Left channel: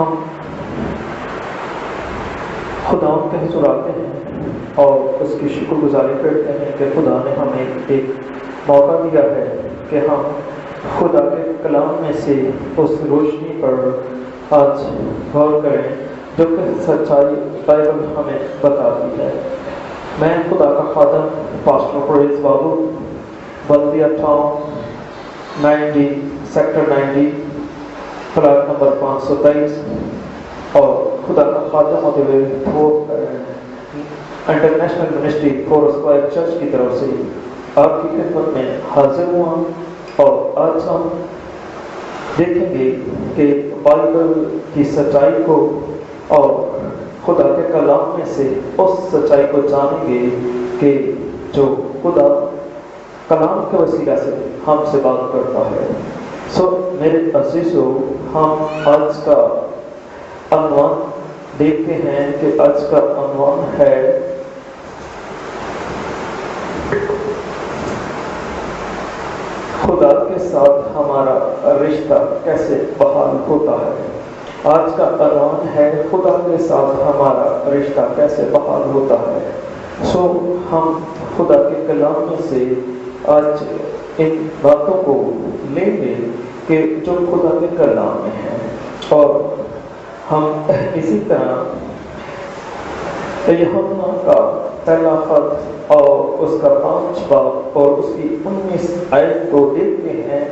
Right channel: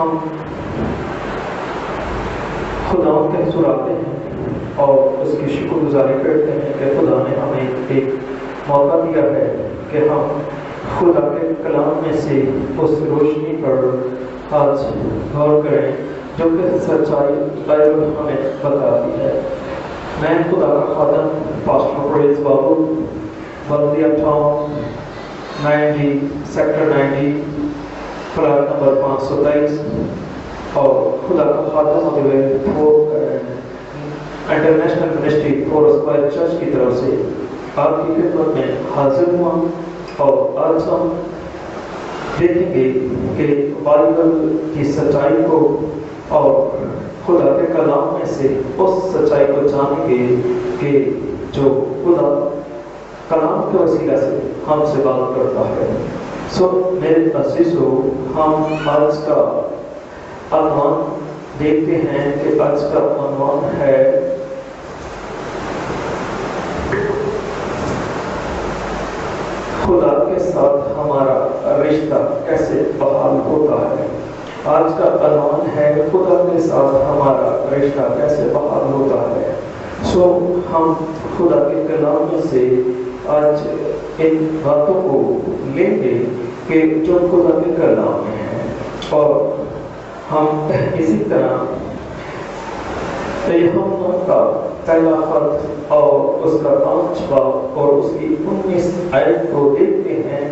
ہم خدا کے سراتے ہیں اور اس کی شکر گزاری کرتے ہیں کہ خدا نے ہمیں ایک موقع دیا ہے کہ ہم خدا کے کلام میں سے اس روشنی پر آج غور کریں جو کہ سچائی بائبل ہمیں بتاتی ہے۔ میں خدا کا خادم پاسٹر پریز بابو بلدیہ ٹاؤن 90 سیکٹر 90 فلیٹ نمبر 523 اور خدا کا خادم ہوتے ہوئے international ministry four square church کی طرف سے آپ کی خدمت میں حاضر ہوا اور آج ہم دیکھیں گے کہ بائبل کی سچائی کو اور خدا کے کلام میں سے اس سچائی کو جانیں گے کہ جو خدا کلام کے وسیلہ سے ہم سے بات کرتا ہے۔ میرے عزیزو، ہم آج کا عنوان دیکھتے ہیں کہ آج کا عنوان ہے خدا کے ساتھ ہمارا رشتہ کیسے بحال ہوتا ہے۔ آج کا عنوان ہے خدا کے ساتھ ہمارا رشتہ کیسے بحال ہوتا ہے۔ ہم خدا کے کلام میں سے آج ان باتوں کو لیں گے کہ جو خدا کے کلام میں ہے، اور ہم اسی طرح یوحنا کا پہلا خط اور اس کا 5 باب اور اس کی 19 آیت کو دیکھتے ہیں۔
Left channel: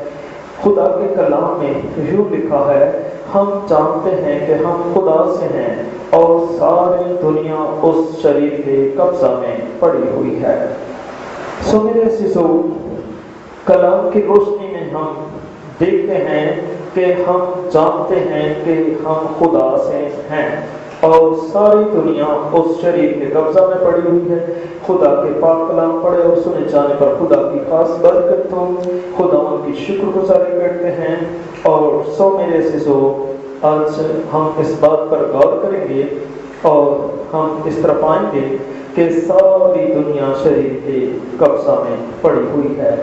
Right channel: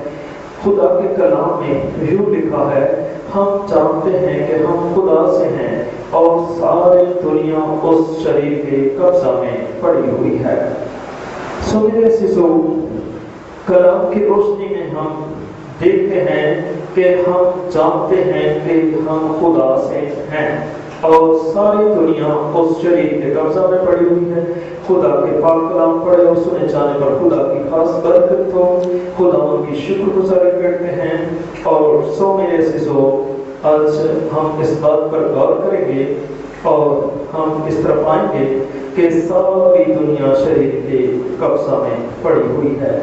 خدا کے کلام میں یوں لکھا ہے، ہم جانتے ہیں کہ ہم خدا سے ہیں اور ساری دنیا اس شریر کے قبضہ میں پڑی ہوئی ہے۔ میرے عزیزو، کلام کی روشنی میں ہم دیکھتے ہیں کہ ہم جانتے ہیں کہ ہم خدا سے ہیں اور ساری دنیا اس شریر کے قبضہ میں پڑی ہوئی ہے۔ خدا کے پاک کلام پڑھے اور سنے جانے پر خدا کی خاص برکت ہو۔ خدا ان کی شکر گزاری کرتے ہیں اور میرے عزیزو، آج ہم اس بات پر غور کریں گے اور ہم اس طرح پائیں گے کہ ساری دنیا شریر کے قبضہ میں پڑی ہوئی ہے۔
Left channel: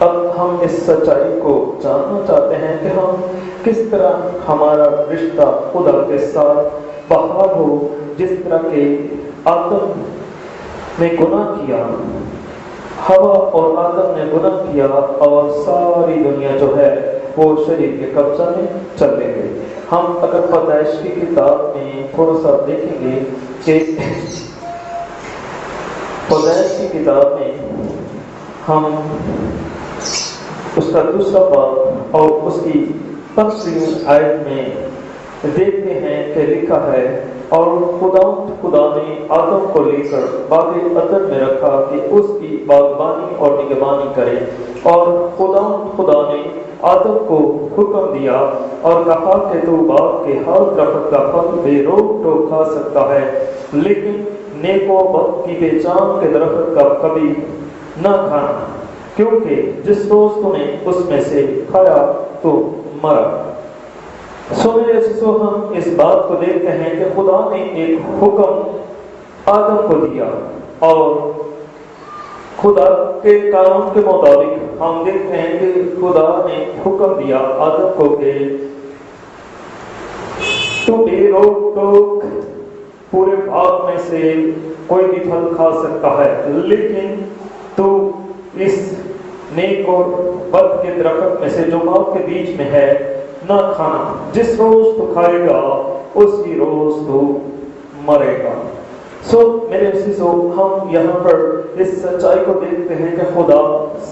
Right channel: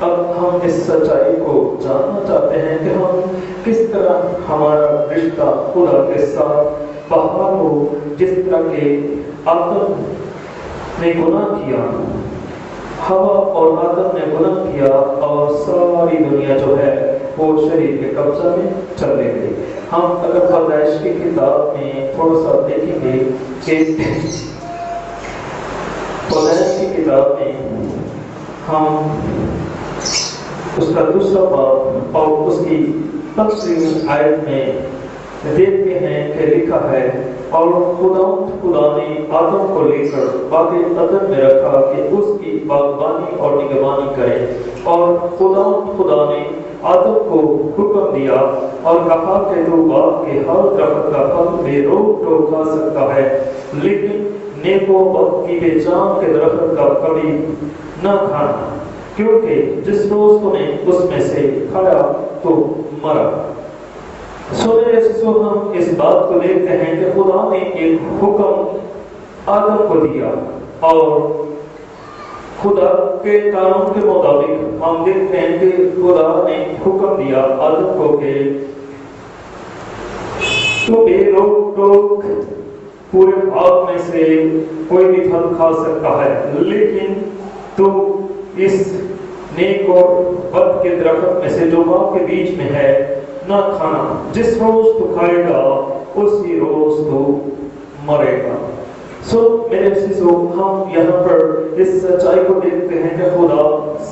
اب ہم اس سچائی کو جاننا چاہتے ہیں کہ ہم کس طرح ہمارا رشتہ خدا کے ساتھ بحال ہو۔ جس طرح کہ آدم نے گناہ کیا، ہوا اور آدم نے گناہ کیا اور ساری دنیا جو ہے وہ شریر کے قبضہ میں چلے گئی۔ ہم اگر پیدائش کی کتاب میں تھوڑا سا دیکھیں گے کہ پیدائش کی کتاب میں ہم اس کا 2 باب اور اس کی تفصیل آیت میں دیکھتے ہیں کہ لکھا ہے، اور خدا نے آدم کو لے کر باغ عدن میں رکھا کہ اس کی باغبانی اور نگہبانی کرے، اور خدا نے آدم کو حکم دیا اور کہا کہ تو باغ کے ہر درخت کا پھل بے روک ٹوک کھا سکتا ہے، لیکن نیک و بد کی پہچان کے درخت کا کبھی نہ کھانا، کیونکہ جس روز تم نے اس میں سے کھایا تو مرا۔ میرے عزیزو، ہم اس بات کو دیکھتے ہیں کہ خدا نے ایک حکم آدم کو دیا، اور خدا کے قانون کے مطابق ہم دیکھتے ہیں کہ خدا نے حکم دیا آدم کو کہ تو بے روک ٹوک پورے باغ میں سے کوئی بھی پھل کھا سکتا ہے، لیکن تو اس نیک اور بد کے درخت میں سے جو باغ کے بیچ میں ہے نہ کھانا، جس روز تو کھائے گا اسی روز تو مرے گا۔ میرے عزیزو، ہم یہاں پر اس سچائی کو دیکھتے ہیں کہ خدا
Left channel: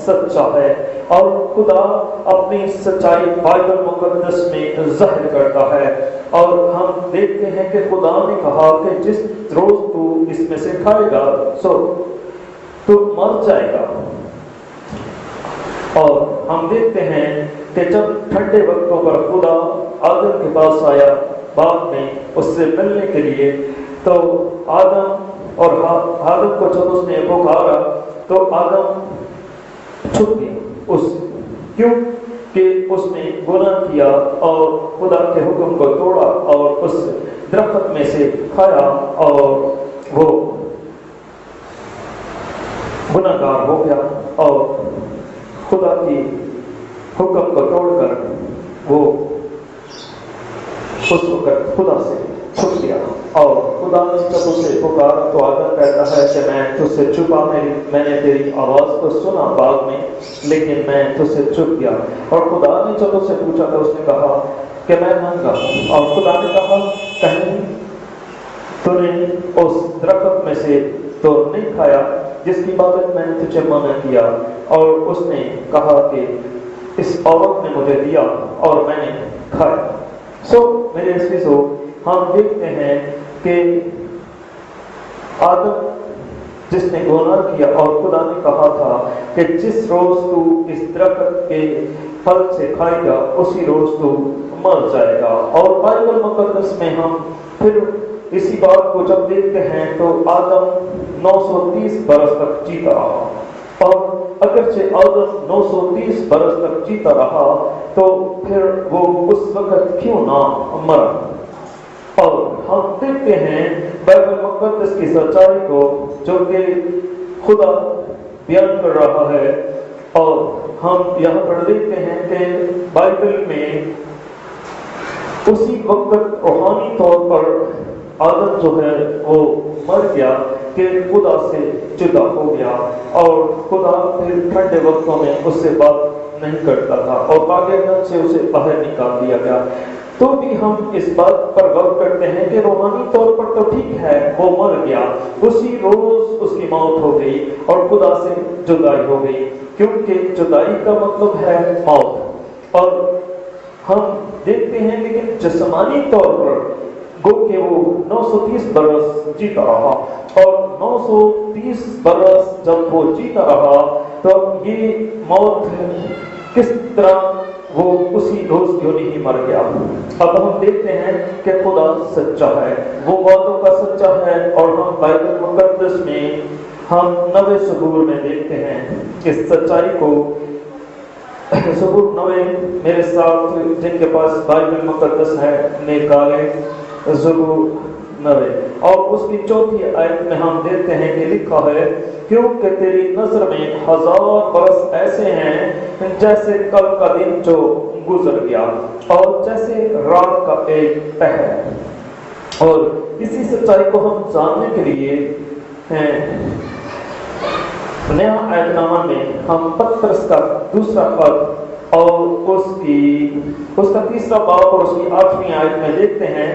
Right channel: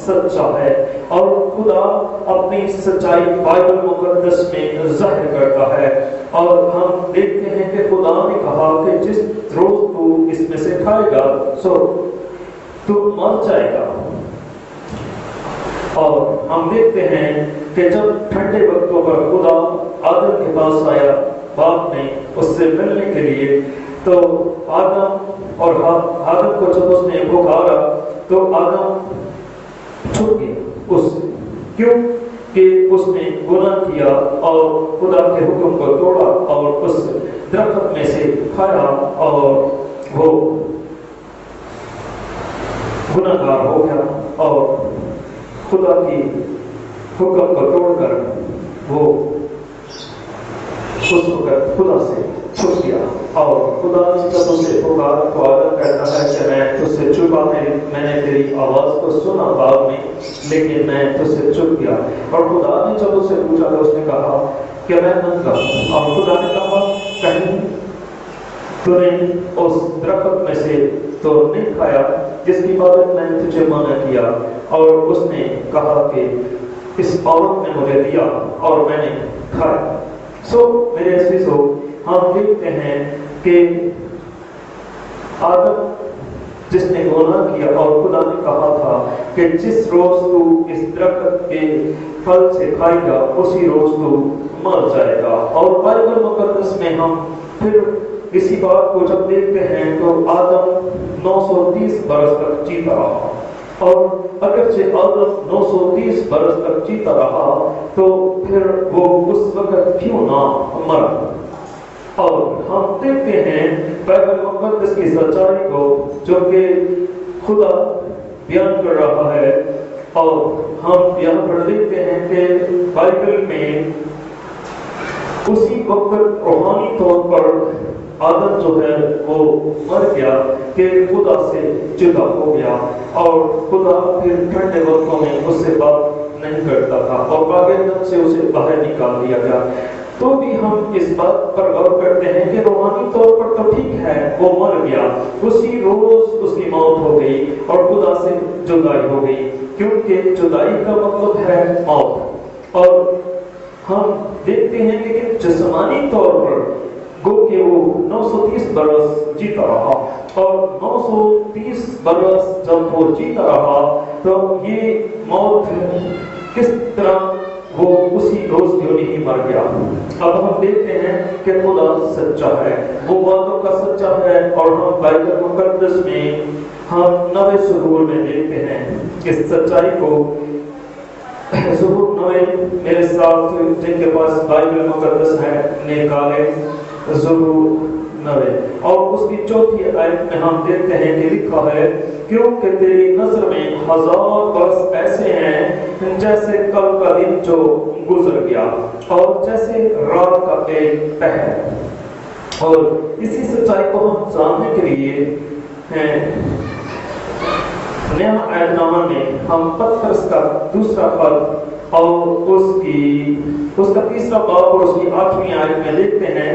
سچا ہے، اور خدا اپنی سچائی بائبل مقدس میں ظاہر کرتا ہے، اور ہم دیکھتے ہیں کہ خدا نے کہا کہ جس روز تو اس میں سے کھائے گا تو مر جائے گا۔ اور ہم دیکھتے ہیں کہ جب ٹھنڈے وقتوں پر خدا آدم کے پاس آیا باغ میں اس سے ملنے کے لیے، تو آدم کو جب اس نے پکارا تو آدم چھپ گیا، کیوں کہ اس نے گناہ کیا اور خدا کے حکم کو توڑا اور اس درخت میں سے کھایا اور وہ گناہ گار ہو گیا، اور خدا کی حکم کو توڑ کر وہ اس وقت خدا سے چھپ گیا اور خدا نے جب اسے پکارا تو آدم کہتا ہے کہ میں تجھ سے چھپا، میں نے تیری آواز کو سنا بعد میں، لیکن میں تجھ سے چھپ گیا۔ اور خدا نے جب اسے پوچھا تو اس نے کہا کہ میں ننگا ہوں، اور خدا نے کہا کہیں تو نے اس درخت میں سے تو نہیں کھایا جس کی بابت میں نے تجھے منع کیا؟ اور اس نے کہا کہ اس عورت نے مجھے دیا اور میں نے کھایا۔ میرے عزیزو، ہم دیکھتے ہیں کہ آدم جس نے گناہ کیا اور خدا نے کہا تھا کہ جس روز تو اس درخت کے پھل سے کھائے گا اسی روز تو مر جائے گا۔ اور بائبل مقدس میں ہم پھر اسی بات کو جب دیکھتے ہیں تو آدم 930 برس تک جیتا رہا، اور اگرچہ آدم 930 برس تک جیتا رہا تو پھر وہ اس وقت کیوں نہ مرا؟ اور ہم دیکھتے ہیں بائبل مقدس کی سچائی کو جو کہ خدا بیان کر رہا ہے، اور ہم یہاں پر دیکھتے ہیں کہ بائبل میں اسی وقت روحانی طور پر آدم جو ہے وہ مر گیا کہ خدا سے جدا ہو گیا، اور خدا پھر ٹھنڈے وقتوں میں اس سے بات نہیں کرتا تھا اور باغ سے اسے باہر نکال دیا گیا۔ تو بھی ہم اس بات پر غور کرتے ہیں کہ روحانی طور پر تو ٹھیک ہے وہ مر گیا، اسی روز اس کی موت ہو گئی اور خدا سے جدائی ہو گئی، کیونکہ جدائی کا مطلب ہے موت۔ اور ہم دیکھتے ہیں لیکن جسمانی طور پر گو کہ وہ 930 برس جیتا رہا، اور 930 برس جب وہ جیتا رہا تو یہ موت کس طرح وہ اسی روز کیوں نہیں مر گیا؟ اب ہم دیکھتے ہیں کہ خدا سچا ہے، وہ باتوں کا سچا ہے، اور ہم بائبل مقدس میں ہم نوے سبور میں دیکھتے ہیں اس سچائی کو۔ سبور نوے میرے ساتھ جن کے پاس بائبل مقدس ہے نکالے، سبور نوے، اور اس کی چوتھی آیت میں ہم دیکھتے ہیں کہ لکھا ہے کیونکہ تیری نظر میں 1000 برس ایسے ہیں جیسے کل کا دن جو گزر گیا اور جیسے رات کا ایک پہر۔ اور اسی سچائی کو ہم جاننے کے لیے نیا عہد نامہ میں ہم پترس کا دوسرا خط اور اس کا تیسرا باب اور اس کی 8ویں آیت میں دیکھتے ہیں،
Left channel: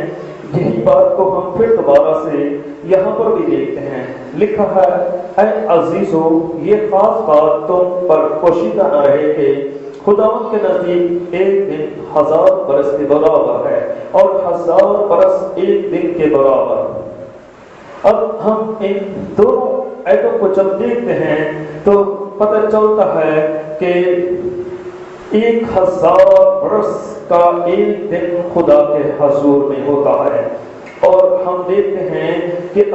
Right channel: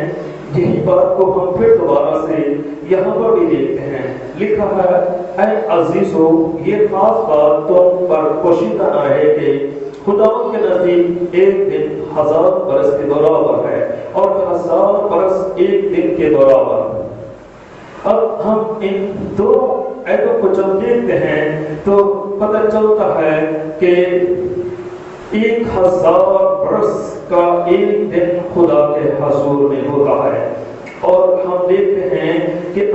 یہی بات کو ہم پھر دوبارہ سے یہاں پر بھی دیکھتے ہیں۔ لکھا ہے اے عزیزو، یہ خاص بات تم پر پوشیدہ نہ رہے کہ خداوند کے نزدیک ایک دن 1000 برس کے برابر ہے اور 1000 برس ایک دن کے برابر۔ اب ہم ان دونوں آیتوں کو جب دیکھتے ہیں تو پتہ چلتا ہے کہ 1000 برس کا ایک دن خدا کے حضور میں ہوتا ہے، اور ہم دیکھتے ہیں کہ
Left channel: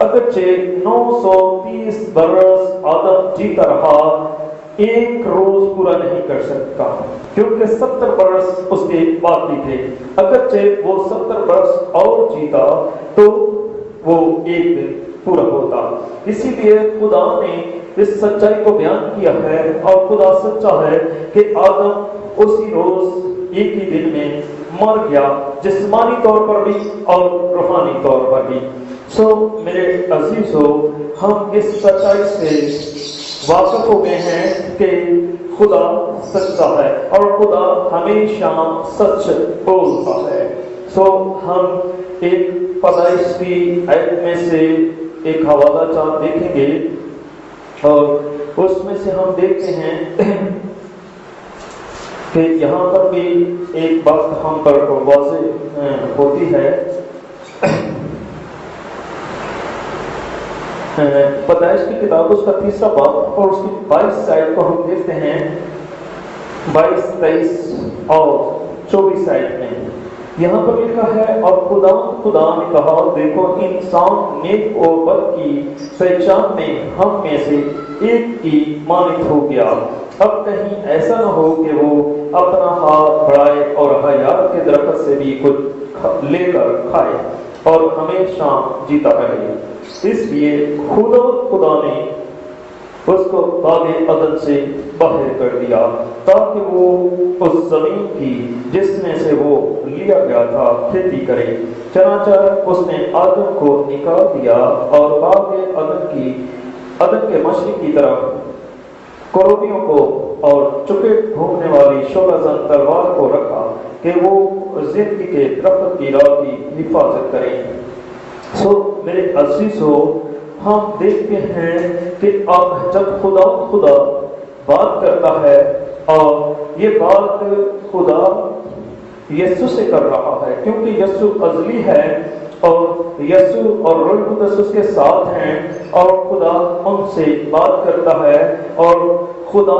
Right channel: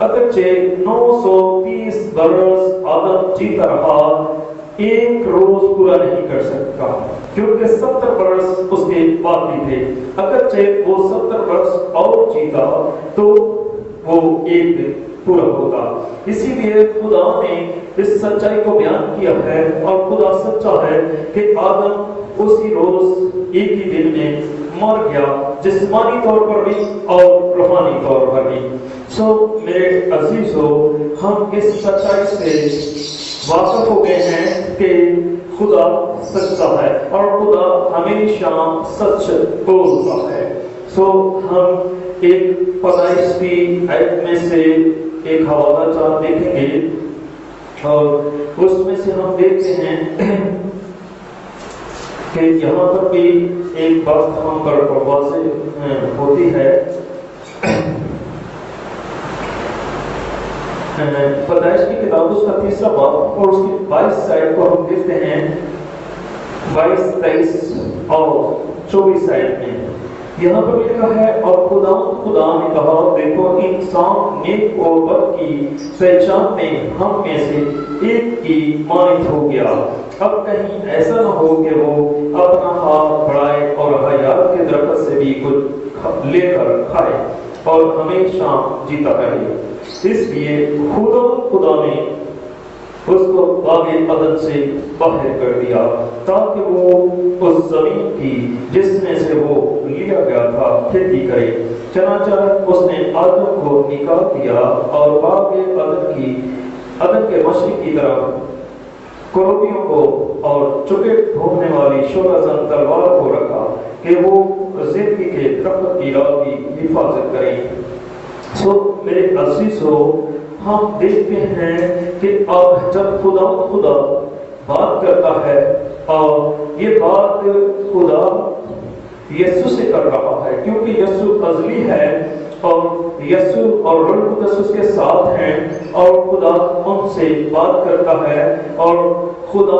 اگرچہ 930 برس آدم جیتا رہا، ایک روز پورا نہیں کر سکتا کیونکہ 70 برس اس کے باقی تھے۔ اگرچہ وہ 70 برس اور جیتا تو وہ ایک دن پورا ہوتا۔ اسی لیے خدا نے اس سچائی کو بیان کیا ہے، اور خدا سچا ہے کہ آدم اسی روز ایک ہی دن میں مر گیا، جسمانی طور پر بھی اور روحانی طور پر بھی۔ میرے عزیزو، ہم اس سچائی سے واقف ہو گئے ہیں کہ خدا سچا ہے اور خدا ہمیشہ سچ بولتا ہے۔ ہم ایک پیدائش کی آیت میں سے ایک حوالہ چاند دیکھیں گے، اور اس میں سے ہم دیکھتے ہیں کہ یہاں پر بھی ایک بات ہم پر واضح ہوتی ہے۔ پیدائش کی کتاب اس کا تیسرا باب اور اس کی 22 آیت کو ہم دیکھتے ہیں، 22، 23 اور 24 آیت میں یہاں پر لکھا ہے اور خدا نے کہا دیکھو انسان نیک و بد کی پہچان میں ہم میں سے ایک کی مانند ہو گیا، اب کہیں ایسا نہ ہو کہ وہ اپنا ہاتھ بڑھائے اور حیات کے درخت سے بھی کچھ لے کر کھائے اور ہمیشہ جیتا رہے۔ اس لیے خدا نے اس کو باغ عدن سے باہر کر دیا تاکہ وہ اس زمین کی جس میں سے وہ لیا گیا تھا کھیتی کرے۔ چنانچہ اس نے آدم کو نکال دیا اور باغ عدن کے مشرق کی طرف کروبیوں کو اور چپیٹ گھومنے والی شعلہ زن تلوار کو رکھا کہ وہ زندگی کے درخت کی راہ کی حفاظت کریں۔ میرے عزیزو، ہم دیکھتے ہیں کہ اب جب خدا بات کرتا ہے اور یہ بات خدا یسوع سے کر رہا ہے، کیونکہ یسوع ازلی ہے اور یسوع اور روح القدس اس کے ساتھ ہیں اور خدا ان سے بات کرتا ہے۔ اور خدا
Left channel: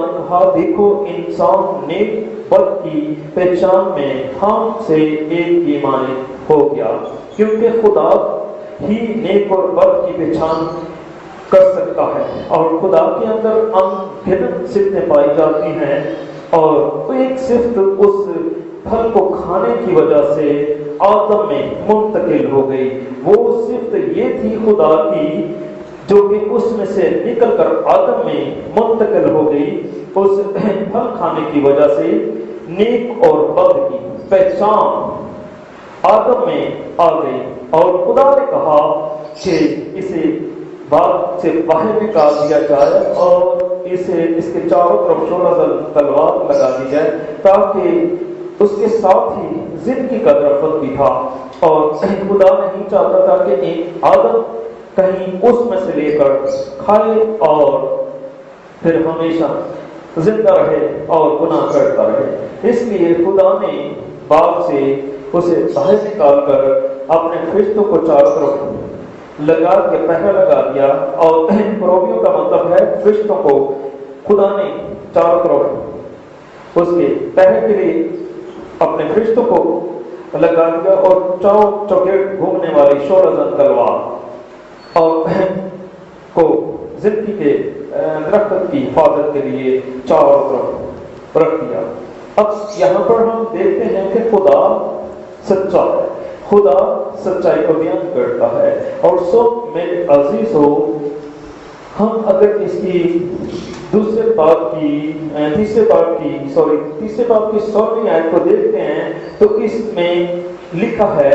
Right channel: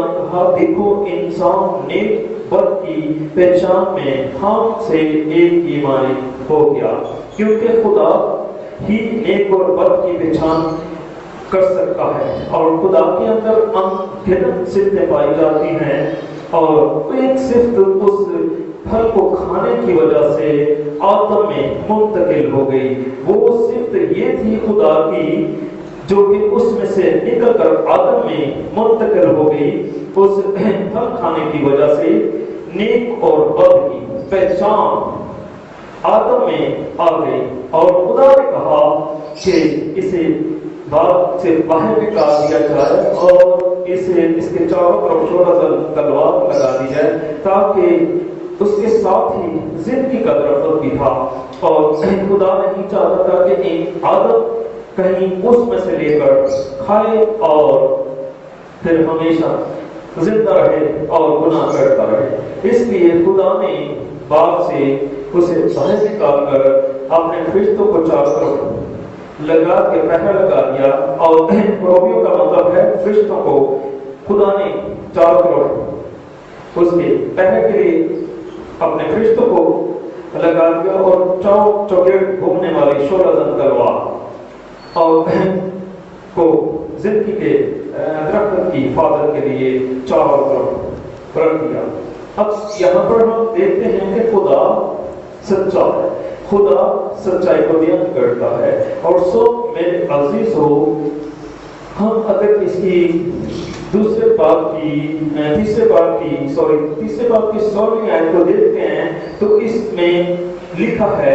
نے کہا دیکھو انسان نیک بد کی پہچان میں ہم سے ایک ایمانی ہو گیا، کیونکہ خدا ہی نیک اور بد کی پہچان کر سکتا ہے اور خدا کے اندر انگنت صفتیں پائی جاتی ہیں اور ایک صفت اس پھل کو کھانے کی وجہ سے آدم میں منتقل ہو گئی۔ وہ صفت یہ تھی خدا کی جو کہ اس میں سے نکل کر آدم میں منتقل ہو گئی۔ اس پھل کھانے کی وجہ سے نیک اور بد کی پہچان آدم میں آ گئی اور خدا نے کہا کہ اسے باغ سے باہر نکال دیا جائے اور اس کے چاروں طرف شعلہ زن تلوار لگا دی جائے، تاکہ اس کے ساتھ ہی زندگی کا درخت بھی تھا اور خدا نہیں چاہتا تھا کہ آدم کہیں اس میں سے لے کر کھائے اور پھر ہمیشہ زندہ رہے اور گناہ کرتا رہے۔ اس لیے خدا نے باغ سے اسے باہر نکال کر اپنے فرشتوں کو چاروں طرف لگا کے پہرا لگا دیا، اور کروبیوں کا مطلب ہے فرشتوں کو خدا نے چاروں طرف اس کے پہرے کے لیے اپنے فرشتوں کو لگا دیا اور چوگیٹ گھومنے والی شعلہ زن تلوار اور کو زندگی کے درخت کی حفاظت کے لیے چاروں طرف رکھ دیا۔ اب یہاں پر ہم دیکھتے ہیں کہ خدا سچا ہے، خدا سچائی کو بیان کرتا ہے۔ اور میرے عزیزو، ہم اگر اس کی تیسرے باب کی 16ویں آیت کو دیکھتے ہیں تو اس میں لکھا ہے،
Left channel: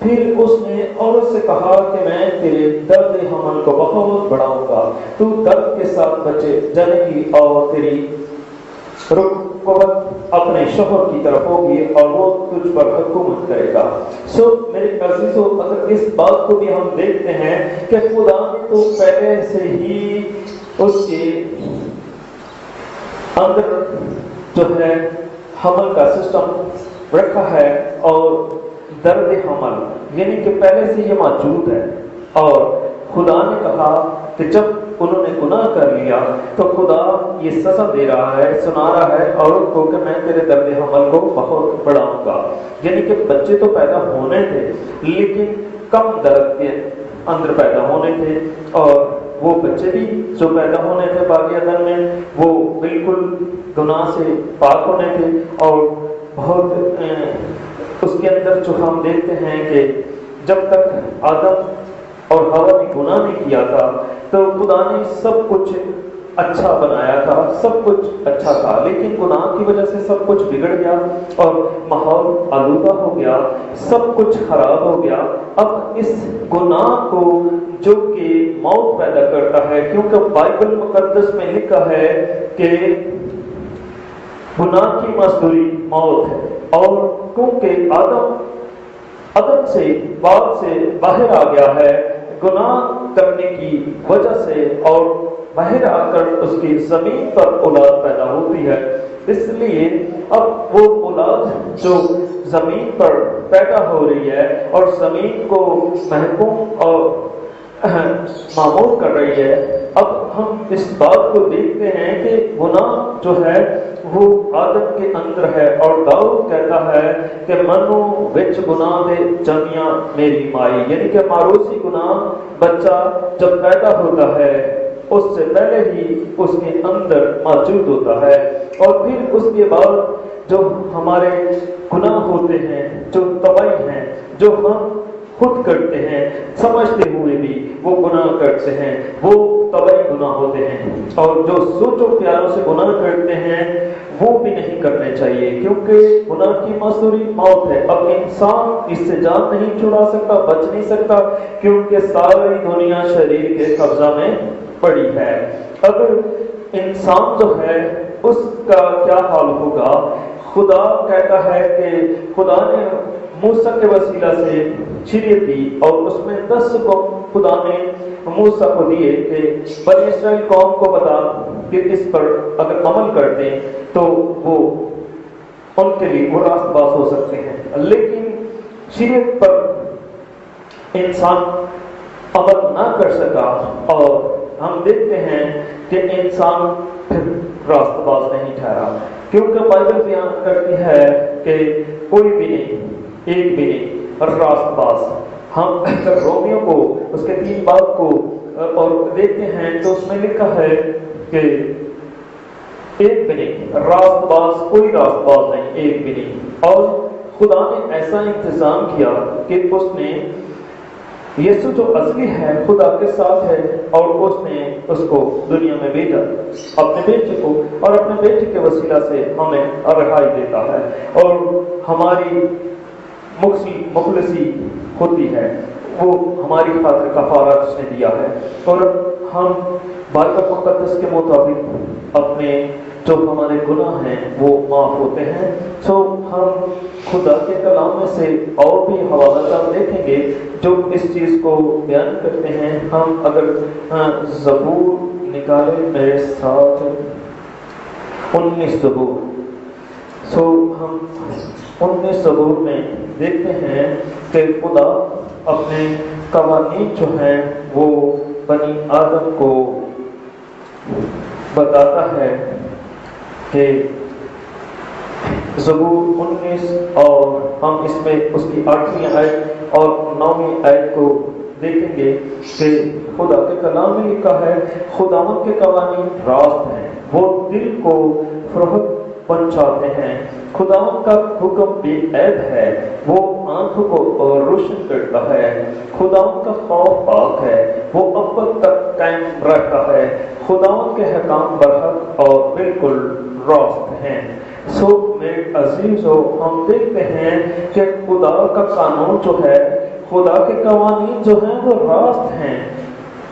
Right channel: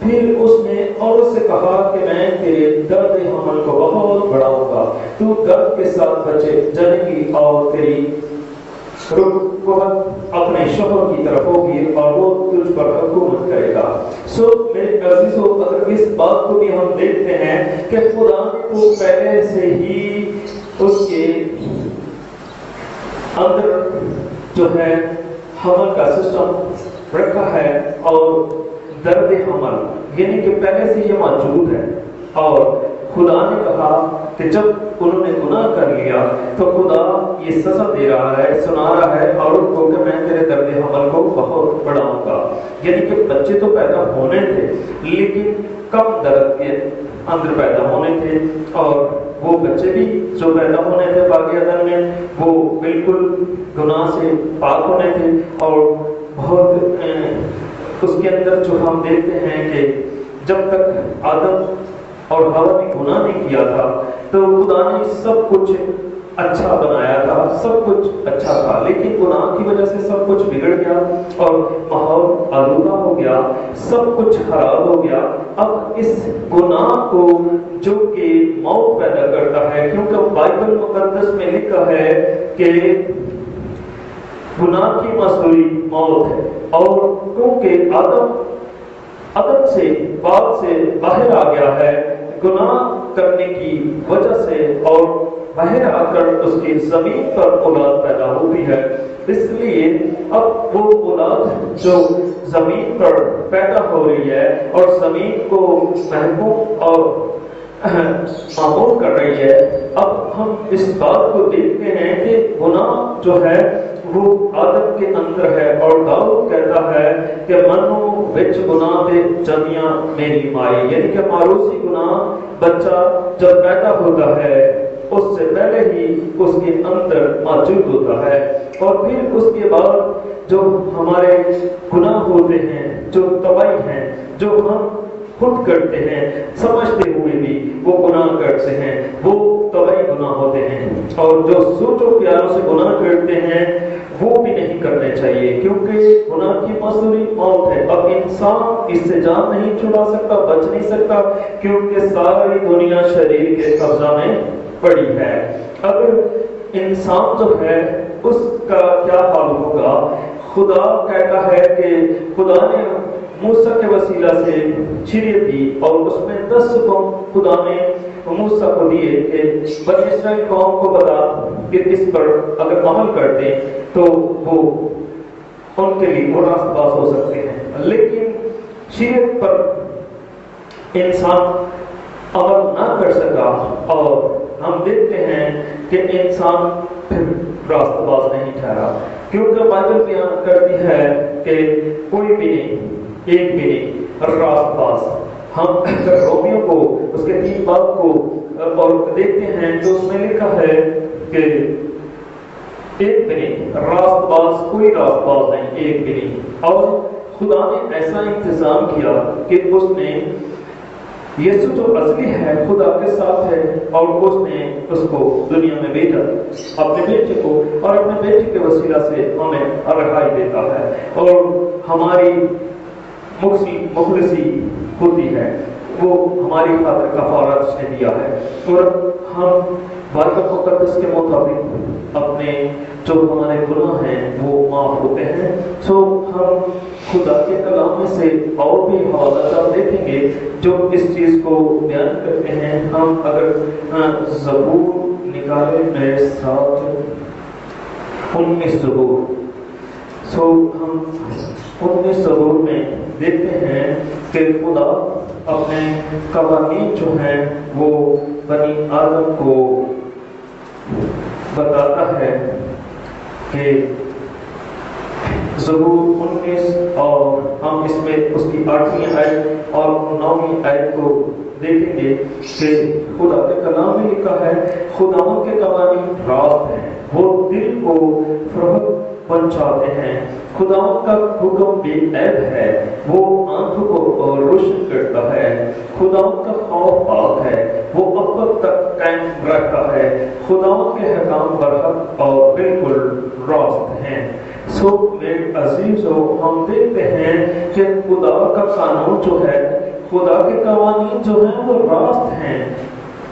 پھر اس نے عورت سے کہا کہ میں تیرے درد حمل کو بہت بڑھاؤں گا، تو درد کے ساتھ بچے جنے گی اور تیری رکوت اپنے شوہر کی طرف ہوگی اور وہ تجھ پر حکومت کرے گا۔ میرے عزیزو، اگر اس بات کو بھی ہم دیکھتے ہیں کہ خدا نے تو پہلے سے ہی اس کے اندر جو ہے حمل کا سسٹم رکھا ہے اور درد حمل یعنی کہ پہلے سے یہ موجود ہے، اور خدا نے کہا کہ جب انہوں نے گناہ کر لیا تو خدا یہ سزا دے رہا ہے، سنا رہا ہے عورت کو کہ میں تیرے درد حمل کو بہت بڑھاؤں گا۔ یعنی کہ بچے تو پیدا ہونے تھے لیکن کم درد کے اندر پیدا ہونے تھے، اور وہ بچے بھی جو پیدا ہونے تھے باغ عدن میں وہ بالکل گناہ سے پاک ہونے تھے، اور بہت اس کے اندر جو ہم دیکھتے ہیں کہ جب تک آدم اور حوا نے گناہ نہیں کیا تھا تو خدا نے سب کچھ اچھا بنایا تھا، سب کچھ اچھا تھا، لیکن گناہ کی وجہ سے سب کچھ بگڑ گیا اور ماحول آلودہ ہو گیا، سب کچھ خراب ہو گیا۔ اب اس گناہ کو جو کہ موت پیدا کرتا ہے، کیونکہ بائبل مقدس میں لکھا ہے کہ گناہ کی مزدوری موت ہے، اور کیونکہ آدم سے باغ سے باہر آ گیا ہے گناہ کرنے کی وجہ سے، اور باہر آ کر اس کی زمین پر اولاد پیدا ہوتی ہے، اس لیے اب وہ اولاد جو زمین پر پیدا ہو رہی ہے اور زمین کو محکوم اور معمول کر رہی ہے، اب ہم اس بات کو دیکھتے ہیں کہ گناہ جو ہے وہ آدم کے اندر ہے، اور داؤد کہتا ہے کہ منو وچ گناہ دے جمیاں میری مائی، یعنی کہ معروسی گناہ بچہ جب پیدا ہوتا ہے اس سے پہلے ہی اس کے اندر موجود ہوتا ہے، اور پھر اس کے بعد جو ہمارے گناہ ہوتے ہیں، جو تباہی ہیں، جو ہم خود کرتے ہیں سمجھتے ہوئے بھی وہ گناہ کرتے ہیں، وہ طبعی گناہ ہوتے ہیں، اور جو سوچ و خیالوں سے گناہ کرتے ہیں وہ بھی نہیں کرنے چاہیے، کیونکہ گناہ کی معصولی موت ہے۔ اب انسان اس سے جان نہیں چھڑا سکتا، بچ نہیں سکتا، کیونکہ ساری دنیا شریر کے قبضہ میں پڑی ہے۔ اب انسان جو ہے اس کا کیا حال ہوگا؟ خدا کہتا ہے کہ خدا نے موسیٰ کے وسیلہ سے شریعت دی، اور اس میں 10 حکم خدا نے موسیٰ کو دیے کہ بنی اسرائیل قوم کو بتا کہ اس پر اگر عمل کرتے تو وہ ان کے لیے وہ راست باز ہو سکتے ہیں، لیکن شریعت پر انسان عمل نہ کر سکا، اور ہم دیکھتے ہیں کہ انسان پھر راست باز نہیں ٹھہرا، کیونکہ بائبل بیان کرتی ہے کہ کوئی بھی نہیں، ایک بھی نہیں راست باز۔ ہم رومیوں کو اس کے 3 باب کو اور دیکھتے ہیں تو اس میں لکھا ہے کہ ایک بھی نہیں راست باز، کوئی راست باز نہیں، ایک بھی نہیں۔ اور خدا نے ایسا انتظام کیا کہ اس نے یسوع جو اصلی ہے خدا کے ساتھ ہے، اور اس نے اس کو دنیا میں بھیجا اپنے بیٹے کو، اور اپنے بیٹے کے وسیلہ سے ہمیں رہائی دیتا ہے، اور ہماری مخلصی ہوتی ہے، وہ ہماری خاطر کفارہ اس نے دیا ہے، اور ہم بائبل مقدس کے مطابق اپنے جو ہمارے گناہ ہیں وہ معاف ہوتے ہیں۔ سو ہم خدا کے کلام میں سے اور بھی حوالہ جات دیکھیں گے جو اس چیز کو بیان کرتے ہیں۔ ہم اگر زبور نکالے میرے ساتھ 19 زبور، سو ہم 19 زبور میں دیکھتے ہیں کہ خدا اپنے قوانین جو ہیں وہ بنی آدم کو بتاتا ہے کہ زبور 19، اور ہم اس میں اس کی 8ویں آیت اور 9ویں آیت کو دیکھیں گے کہ خدا کے کلام میں لکھا ہے خداوند کے قوانین راست ہیں، وہ دل کو فرحت پہنچاتے ہیں، خداوند کا حکم بے عیب ہے، وہ آنکھوں کو روشن کرتا ہے، خداوند کا خوف پاک ہے، وہ ابد تک قائم رہتا ہے، خداوند کے حکام برحق اور بالکل راست ہیں۔ سو میرے عزیزو، ہم دیکھتے ہیں کہ خدا کا قانون جو ہے، خدا کے قوانین جو ہیں وہ راست ہیں،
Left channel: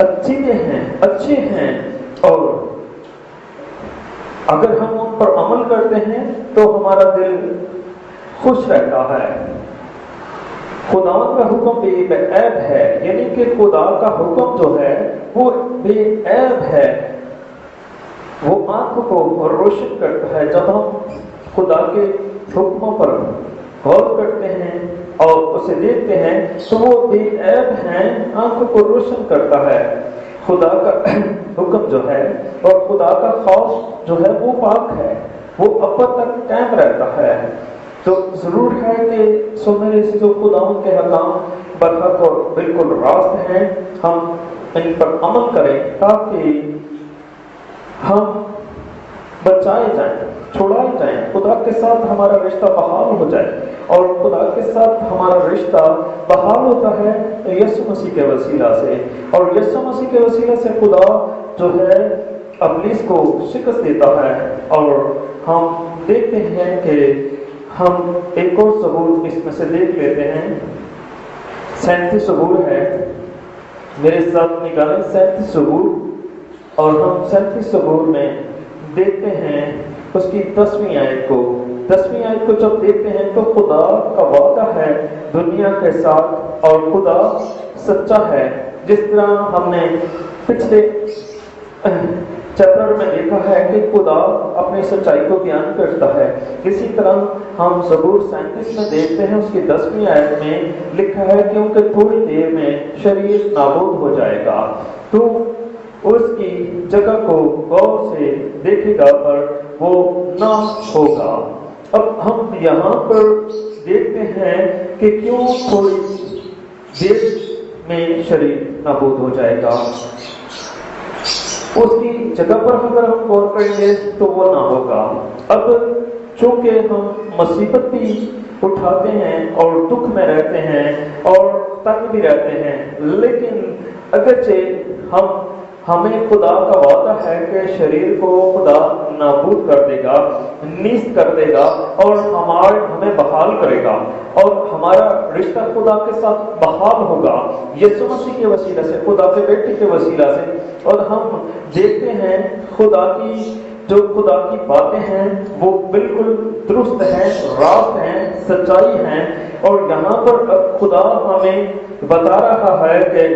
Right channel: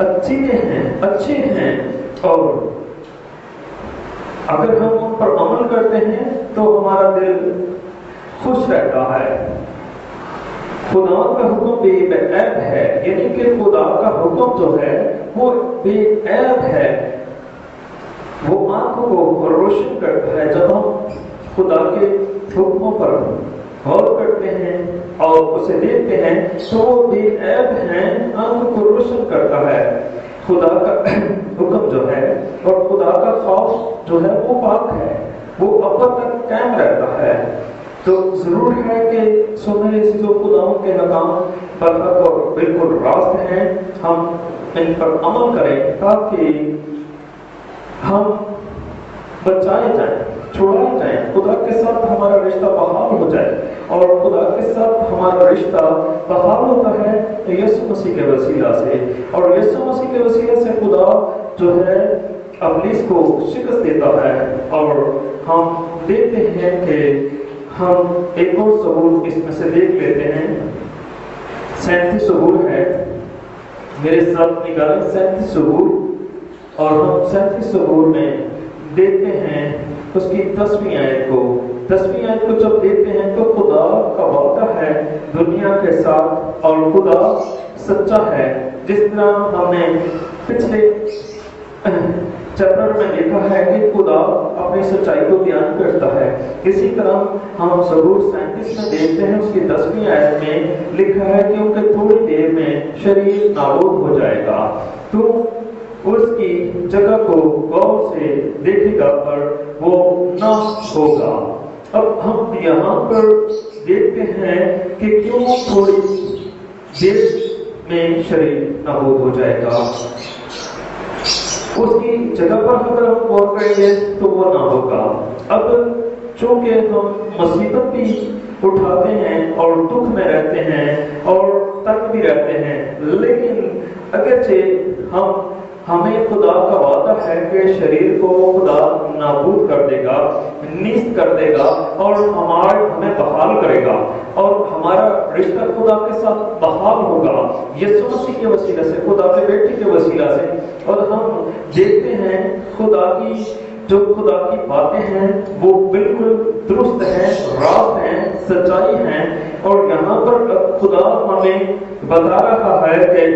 اچھے ہیں، اور اگر ہم ان پر عمل کرتے ہیں تو ہمارا دل خوش رہتا ہے۔ خدا کا حکم بے عیب ہے، یعنی کہ خدا کا حکم جو ہے وہ بے عیب ہے، وہ آنکھوں کو روشن کرتا ہے۔ جب ہم خدا کے حکموں پر غور کرتے ہیں اور اسے دیکھتے ہیں تو وہ بے عیب ہیں، آنکھوں کو روشن کرتا ہے۔ خدا کا حکم جو ہے اور خدا کا خوف جو ہے وہ پاک ہے، وہ ابد تک قائم رہتا ہے۔ تو ضرور ہے کہ میرے سے جو خدا کے حکام برحق اور بالکل راست ہیں، ہم ان پر عمل کریں تاکہ ہم بچائے جائیں، چھوڑائے جائیں، خدا کے ساتھ ہمارا رشتہ بحال ہو جائے، اور خدا کے ساتھ ہمارا رشتہ بحال ہوتا ہے یسوع مسیح کے وسیلہ سے، اور یسوع مسیح کے وسیلہ سے خدا جو ہے ابلیس کو شکست دیتا ہے۔ اور ہم دیکھتے ہیں کہ ہم ایک اور ثبوت اس میں سے دیکھ لیتے ہیں، 37 ثبوت ہے، میرے ساتھ نکالیں 37 ثبوت، اور ہم 37 ثبوت میں دیکھتے ہیں اس کی 10ویں آیت کو۔ 10ویں آیت کو جب دیکھتے ہیں تو خدا کا وعدہ ہے دنیا کے ساتھ، اور خدا سچا ہے، جس طرح ہم نے پچھلے چیپٹر میں دیکھا ہے کہ خدا اپنی سچائی کو بیان کرتا ہے۔ اسی طرح ہم زبور 37 میں دیکھتے ہیں، اس کی 10ویں آیت میں لکھا ہے کیونکہ تھوڑی دیر میں شریر نابود ہو جائے گا، تو اس کی جگہ کو غور سے دیکھے گا پر وہ نہ ہوگا۔ اب ہم یہاں پر دیکھتے ہیں کہ کیوں تھوڑی دیر میں شریر نابود ہو جائے گا، اس کی جگہ پر اگر ہم غور کریں گے تو وہ نہ ہوگا۔ اب چونکہ ہم مصیبت بھی اٹھاتے ہیں اور دکھ میں رہتے ہیں اور تنگ بھی رہتے ہیں، لیکن اگرچہ ہمیں خدا کا وعدہ ہے کہ شریر کو خدا نابود کر دے گا، نیست کر دے گا اور ہمیں بحال کرے گا اور ہمارا رشتہ خدا کے ساتھ بحال ہوگا یسوع مسیح کے وسیلہ سے، خدا کے بیٹے کے وسیلہ سے۔ اور ہم دیکھتے ہیں خدا کی باتیں ہیں وہ بالکل درست ہیں، راست ہیں، سچائی ہیں، اور یہاں پر خدا ہمیں بتا رہا ہے کہ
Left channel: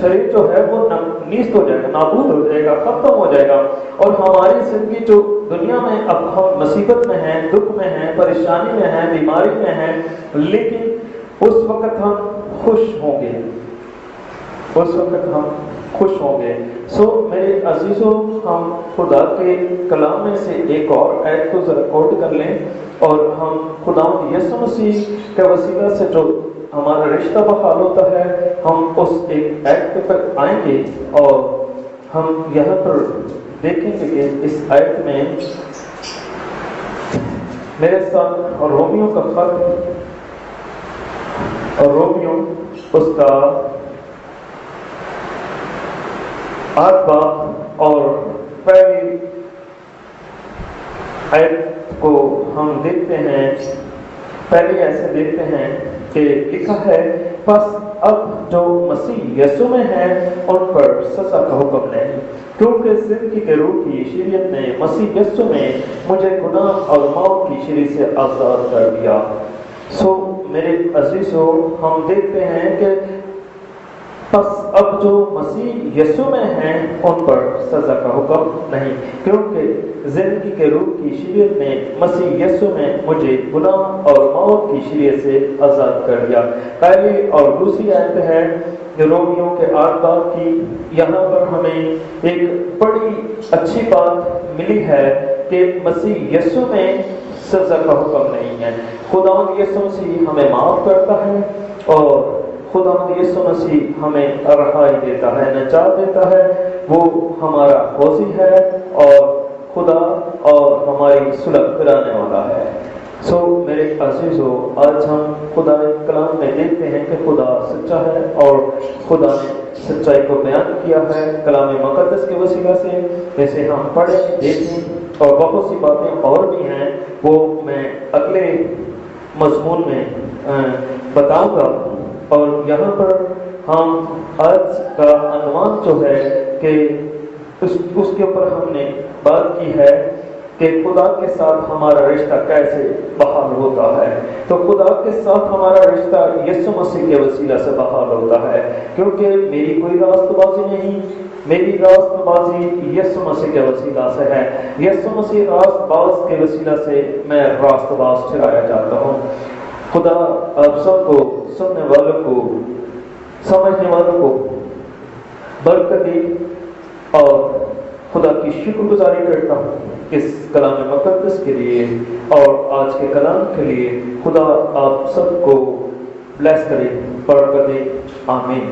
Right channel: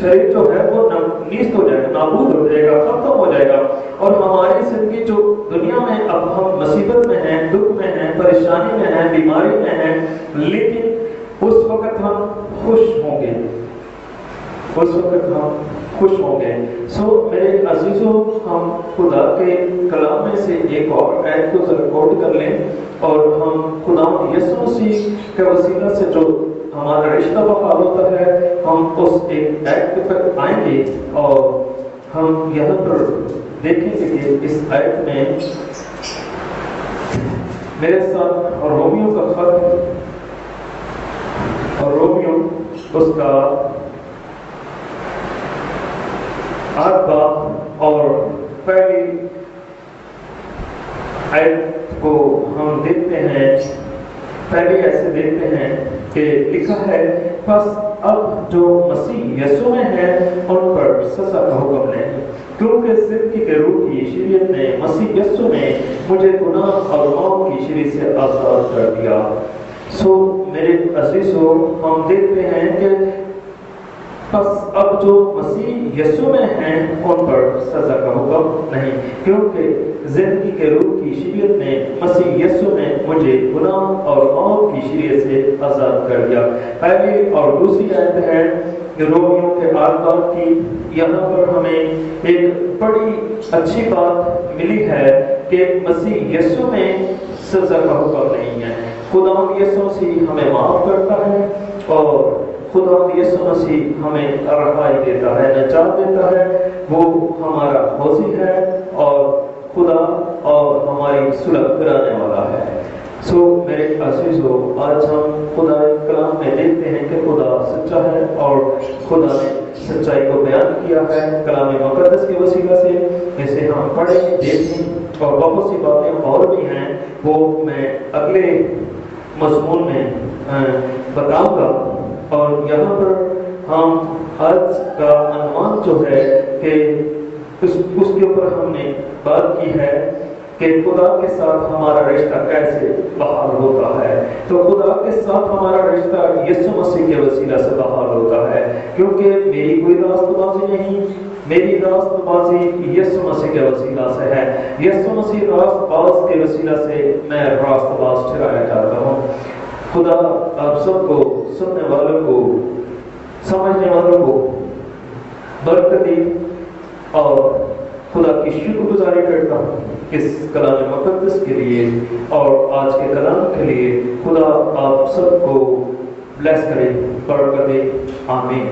شریر جو ہے وہ نیست ہو جائے گا، نابود ہو جائے گا، ختم ہو جائے گا، اور ہماری زندگی جو دنیا میں اب ہم مصیبت میں ہیں، دکھ میں ہیں، پریشانی میں ہیں، بیماری میں ہیں، لیکن اس وقت ہم خوش ہوں گے، اس وقت ہم خوش ہوں گے۔ میرے عزیزوں، ہم خدا کے کلام میں سے ایک اور آیت کو ذرا کوٹ کر لیں اور ہم خدا یسوع مسیح کے وسیلہ سے جو ہمارا رشتہ بحال ہوتا ہے، ہم اس ایک آیت کے پر آئیں گے اور ہم یہاں پر دیکھیں گے کہ اس آیت میں میرے ساتھ رومیو کا خط، اور رومیو اس کا 8 باب اور پہلی آیت کو ہم دیکھتے ہیں۔ پہلے ایسے دیکھتے ہیں کہ لکھا ہے، پس اب جو مسیح یسوع میں ہے ان پر سزا کا حکم نہیں، کیونکہ زندگی کے روح کی شریعت نے مسیح یسوع میں مجھے گناہ اور موت کی شریعت سے آزاد کر دیا۔ میرے عزیزوں، ہم دیکھتے ہیں کہ پس اب جو مسیح یسوع میں ہیں ان پر سزا کا حکم نہیں، کیونکہ زندگی کے روح کی شریعت نے مسیح یسوع میں مجھے گناہ اور موت کی شریعت سے آزاد کر دیا۔ پہلی اور دوسری آیت ہے رومیو کے 8 باب کی۔ یہاں پر ہمیں ایک بڑی اچھی بات ملی ہے کہ مسیح یسوع میں سزا کا حکم نہیں ہے۔ خدا یسوع مسیح ہمیں معاف کرتا ہے اور خدا یسوع مسیح ہمیں رہائی دیتا ہے، نجات دیتا ہے، وہ ہمارا غازی ہے اور خدا اور ہماری صلح کرانے والا ہے۔ میرے عزیزو، آج ہم خدا کلام میں دیکھتے ہیں کہ خدا سچا ہے اور خدا نے سچائی کو بیان کیا ہے کلام مقدس کے وسیلہ سے۔ اسے ہم پڑھیں، دیکھیں، اور بہت سی باتیں اور بھی ہیں وہ میں اگلے مضمون میں بتاؤں گا۔ اور یہاں پر ہم آج کا عنوان جو ہے کہ اس کے اوپر ہم نے بات کی ہے کہ خدا کے ساتھ ہمارا رشتہ کیسے بحال ہوتا ہے۔ تو خدا کے ساتھ ہمارا رشتہ یسوع مسیح کے وسیلہ سے بحال ہوتا ہے، کیونکہ میری کوئی راست بازی نہیں، میری راست بازی یسوع مسیح کے وسیلہ سے ہے۔ یسوع مسیح راست باز کے وسیلہ سے میں راست باز ٹھہرایا جاتا ہوں۔ خدا آپ سب کو، سننے والوں کو، سمجھنے والوں کو برکت دی، اور خدا کی شکر گزاری کرتا ہوں اس کلام مقدس کے لیے اور آج کے کلام کے لیے۔ خدا آپ سب کو بلیس کرے، برکت دے، آمین۔